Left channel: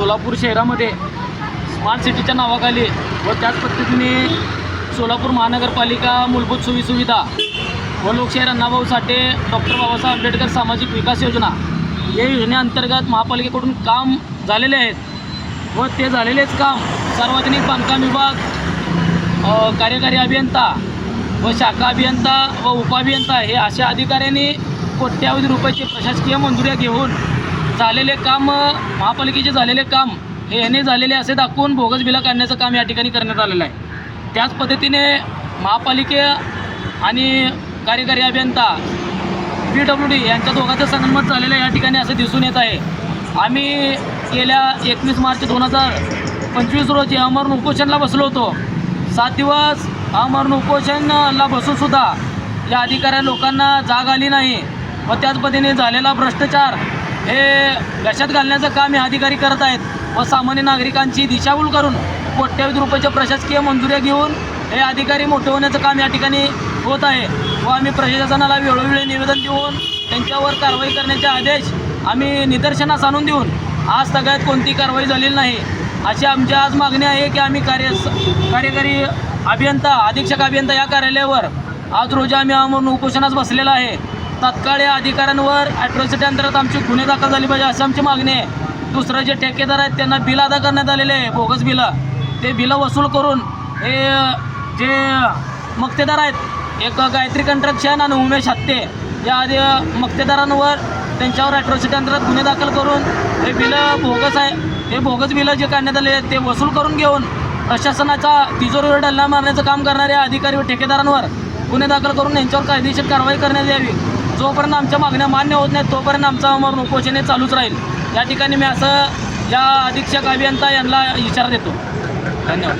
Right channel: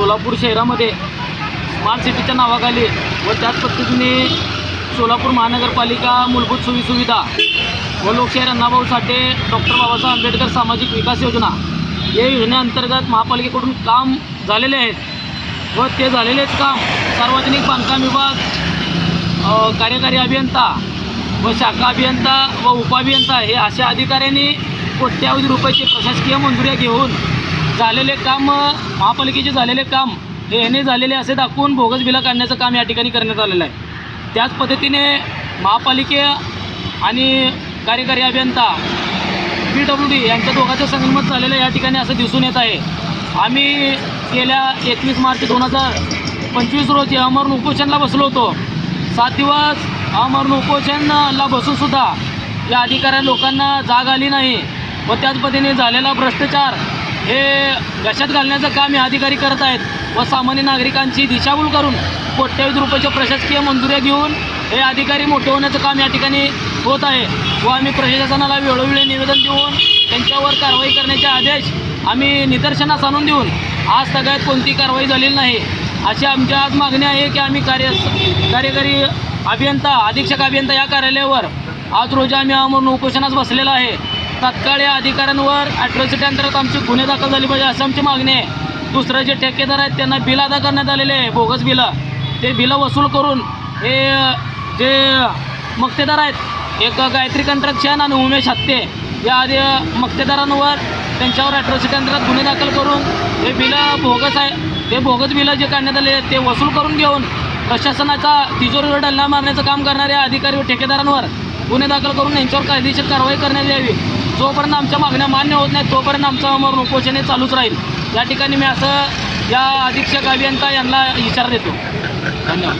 सोलापूर शहरामध्ये स्मार्ट सिटीच्या नावाखाली व त्याच पद्धतीने सोलापूर महानगरपालिका मूलभूत सोयीसुविधा व लोकशाहीर अण्णाभाऊ साठे डॉक्टर बाबासाहेब आंबेडकर सामाजिक विकास योजना या योजनेअंतर्गत महापालिकेकडून काम झालेले आहेत व ते झालेलेच काम. सार्वजनिक बांधकाम विभाग कार्यकारी अभियंता व शाखा अभियंता व उपअभियंता हे अशा अधिकाऱ्यांनी कोट्यावधी रुपयाची प्रशासकीय मंजुऱ्या घेऊन झालेले काम महापालिकेचे झालेले काम हे याने झालेले असे दाखवून बोगस बिला काढण्याचं काम या ठिकाणी करण्यात आलेलं आहे. त्याच पद्धतीने महापालिके आणि कार्यकारी अभियंता पी डब्ल्यू डी यांच्या दोघांचं संगनमत झालेलं या ठिकाणी असं दिसून येत आहे. आम्ही गेल्या एकवीस मार्च दोन हजार पंचवीस रोजी अमरण उपोषणला बसलो होतो. सात दिवस अमरण उपोषणला बसूनसुद्धा या अधिकाऱ्या लोकांना जाग आली नाही व त्याच पद्धतीने झालेला भ्रष्टाचार हे गशात घालण्याचं काम हे अधिकारी करत आहेत. व सामान्य नागरिकांची दिशाभूल करून कोट्यावधी रुपयाच्या प्रशासकीय मंजुऱ्या घेऊन हे अधिकारी मोठे होण्याचं काम या ठिकाणी होत आहे. व आम्ही प्रशासनाला वेळोवेळी निवेदन देऊन त्यांच्यावर कारवाई करण्याचे आदेश आम्ही निदर्शनास आणून देऊन आज सगळ्यात कोणती कारवाई झालेली नाही. अशी आमची आज मागणी आहे की आम्ही कार्य कार्यकारी अभियंता अधीक्षक अभियंता या कार्यालयावर आज रोजी आम्ही अमरून उपोषणास बसलेला आहे. तात्काळ या अधिकाऱ्यांवर ॲट्रॉसिटी अंतर्गत आमची गुन्हे दाखल झाली पाहिजे अशी आमची मागणी आहे. दुसरे जे ठेकेदार आहेत त्यांना बिल अदा करण्यात आलेले आहे बोगस बिलं. ते बिलं वसूल करून हे जे मक्तेदार आहेत एक गायत्री कंट्रक्शन आणि उमेश हत्ते या आधी मक्तेदारांवर त्यांच्यावर ॲट्रॉसिटी अंतर्गत गुन्हे दाखल करून हे बिलं बोगस आहे. ते बोगस बिलं जे काढण्यात आले आहेत, ते वसूल करून घेऊन प्रशासनाचा तिजोरीवर डल्ला मारण्याचं काम करणाऱ्या अधिकारी व ठेकेदारांवर गुन्हे दाखल करून यांच्यावर कायदेशीर कारवाई करण्यात यावी. जोपर्यंत आमच्या मागण्या मान्य होत नाहीत तोपर्यंत आमचा अमर उपोषण हे चालूच राहील. या ठिकाणी मी असं या अधीक्षक अभियंता यांना इशारा देतो. धन्यवाद.